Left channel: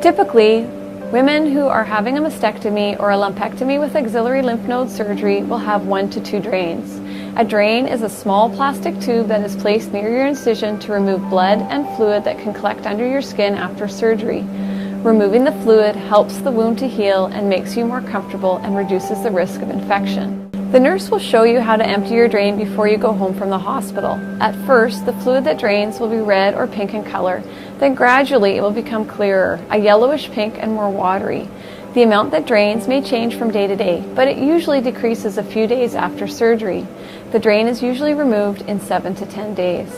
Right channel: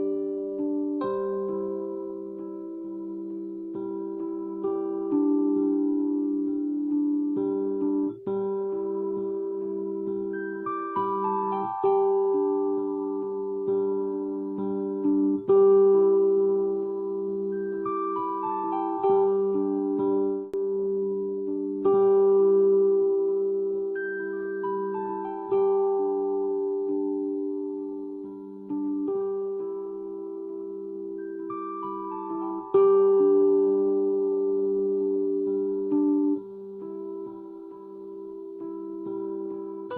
Typically, women who are having a mastectomy or a lumpectomy with axillary lymph node surgery will have 1 to 2 drains. A drain is a small plastic tube that is placed near your incision to remove blood and fluid that can collect under your skin after surgery. Removing the fluid helps the wound to heal and makes you more comfortable and reduces the risk of infection. The nurse will show you how to empty your drain before you go home from the hospital. At first, the fluid that drains will be red or pink in color. Then gradually it will become clearer, a yellowish pink and more watery. The amount that drains may change from day to day, but it usually decreases a few days after surgery. The drain is usually removed in 7 to 10 days.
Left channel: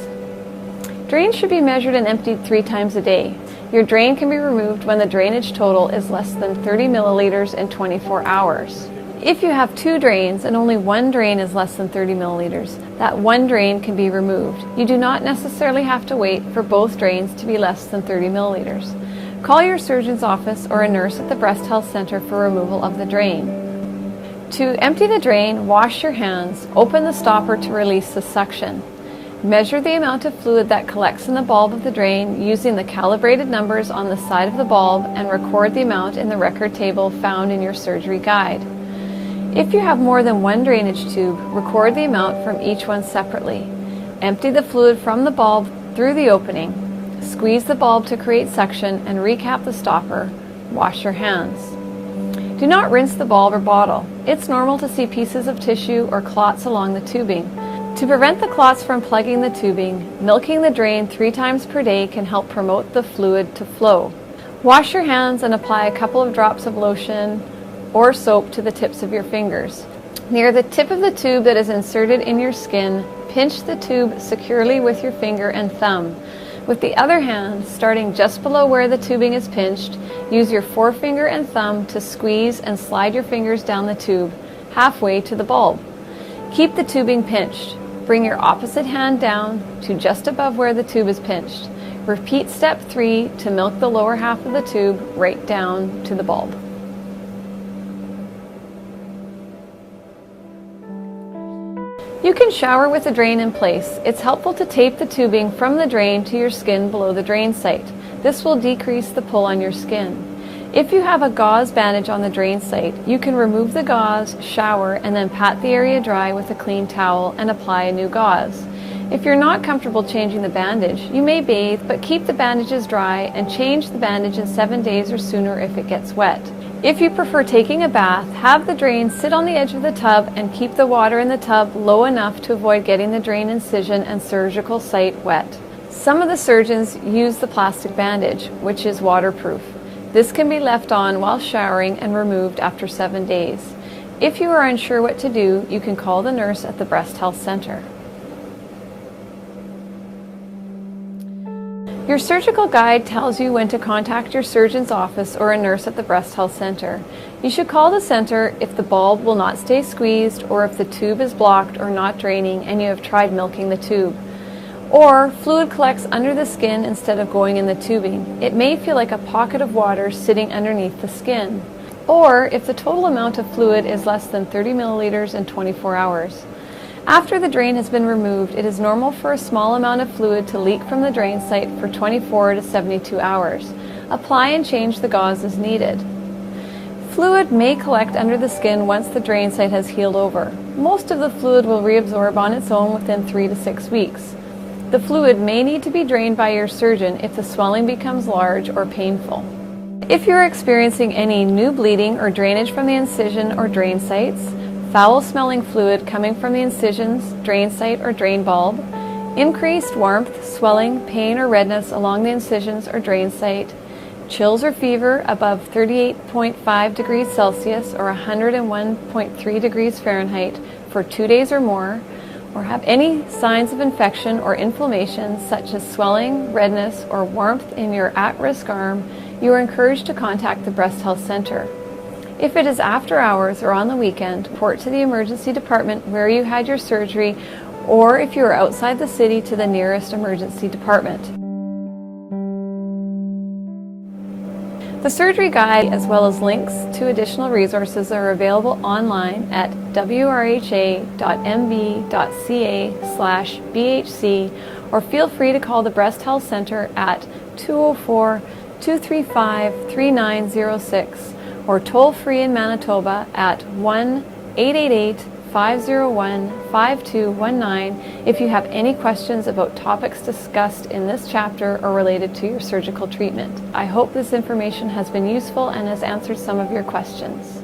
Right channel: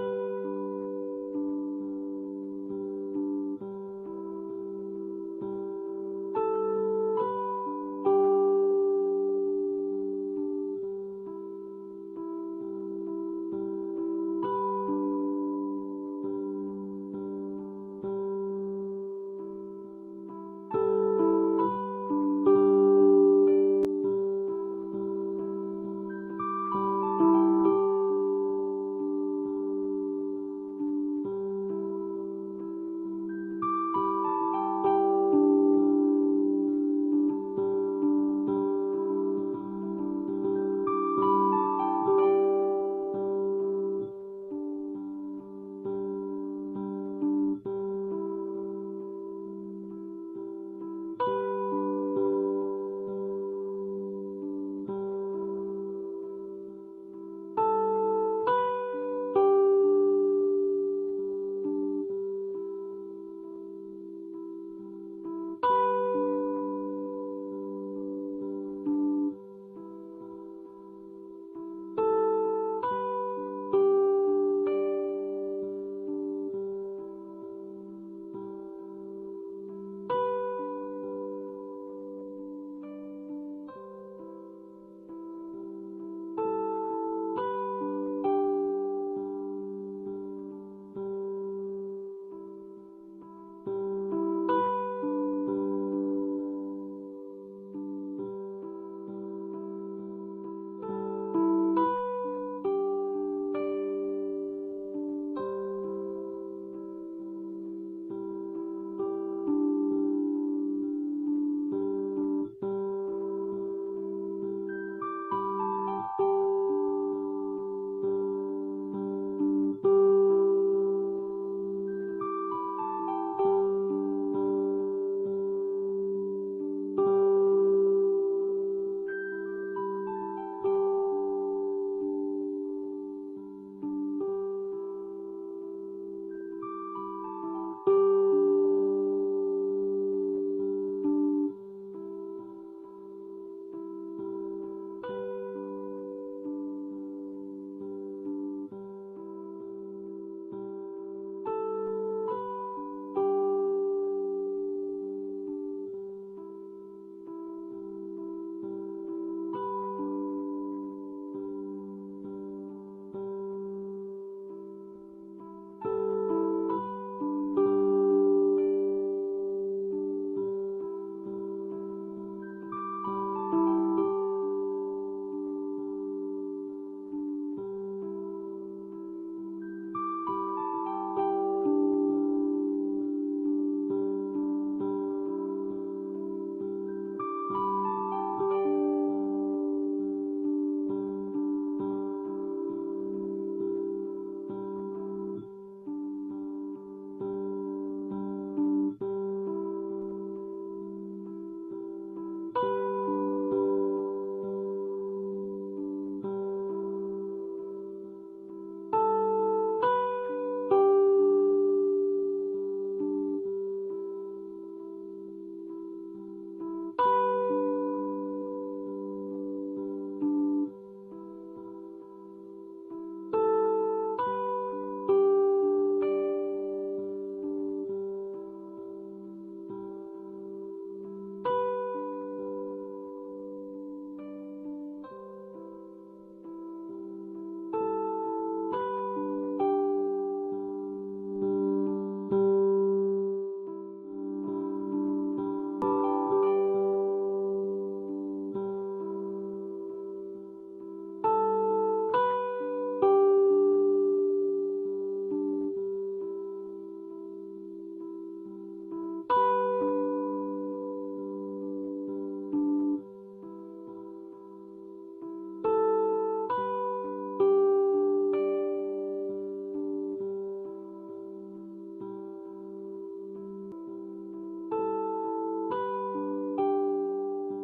Drains should be measured and emptied 3 times a day. Your drain can be removed when the drainage total is less than 30 milliliters in 24 hours. If you have 2 drains and only 1 drain is less than 30 milliliters, that 1 drain can be removed. You do not necessarily have to wait for both drains to be less than 30 milliliters. Call your surgeon's office or a nurse at the Breast Health Center for removal of the drain. To empty the drain, wash your hands. Open the stopper to release the suction. Measure the amount of fluid that collects in the bulb of the drain using the calibrated numbers on the side of the bulb and record the amount in the record table found in your surgery guide. If you have more than 1 drainage tube, record the amount from each one separately. Empty the fluid from the bulb through the opening. Squeeze the bulb to create suction and recap the stopper. Wash your hands. Do not rinse the bulb or bottle. It's normal to see pieces of tissue or clots along the tubing. To prevent the clots from plugging the tubing, milking the drain 3 times per day can help promote the fluid to flow. Wash your hands and apply a couple of drops of lotion or soap to the tips of your fingers. Near the tip of the tube that is inserted in your skin, pinch the tube securely with your finger and thumb. With the other hand, starting just below where the tubing is pinched, use your forefinger and thumb to squeeze and slide your fingers down the tube, halfway to the bulb. Keep the tubing pinched. Bring your opposite hand down to just above where the tube is pinched. Repeat step 3 to milk the lower half of the tube right down to the bulb. You can shower with the drain in place. It's helpful to tape the tubing from the drain to your skin below the drain site. This will decrease the pull on your skin. If you have a gauze bandage on the drain site, you can remove the gauze, shower, and then pat the area dry with a clean towel and apply a new gauze. If you're not comfortable changing the bandage, you may bathe, but keep the bandages dry and change the bandage in 7 days or sooner if it gets wet. If you prefer taking a bath, have the drain sit on the edge of the tub and keep the water in the tub low enough to avoid getting the drain incision and surgical site wet. Some of the surgeons use the plastic bandage, which is waterproof. This can be left on while showering and removed after 7 days. If you are unsure what to do, you can call the nurse at the Breast Health Center. Your surgical guide tells you when to contact your surgeon's office or a nurse at the Breast Health Center. You should call the center if the bulb will not stay squeezed or if the tube is blocked or not draining and you have tried milking the tube. Or fluid collects under the skin instead of going in the tubing. It may feel like a pocket of water sitting underneath the skin. Or if the total amount of fluid is less than 30 milliliters in 24 hours. After the drain has been removed, it is normal for a small amount of fluid to leak from the drain site for 24 to 72 hours. Apply and change the gauze as needed. Fluid may collect under the skin once the drain site has healed over. Most of the fluid will reabsorb on its own within 3 to 6 weeks. The fluid may need to be drained by your surgeon if the swelling becomes large or painful. If you are experiencing any new bleeding or drainage from the incision or drain sites, foul-smelling fluid coming from the incisions, drain site, or drain bulb, increased warmth, swelling, pain, or redness along the incisions or drain site, chills or fever above 38.5 degrees Celsius or 101.3 degrees Fahrenheit for 2 days or more, or have any signs of infection or inflammation such as swelling, redness, or warmth in your at-risk arm, you are encouraged to contact the Breast Health Center. If it is after hours or on the weekend, report to the emergency department where you had your surgery, or if you are outside the city, to the nearest emergency department. The surgery guide, as well as links to additional resources, are available online at wrha.mb.ca/BHC, or feel free to call the Breast Health Center at 204 235-3906 or toll free in Manitoba at 1-888-501-5219 if you have any questions about topics discussed in this chapter or related to your surgical treatment. I hope this information has been useful and has answered some of your questions.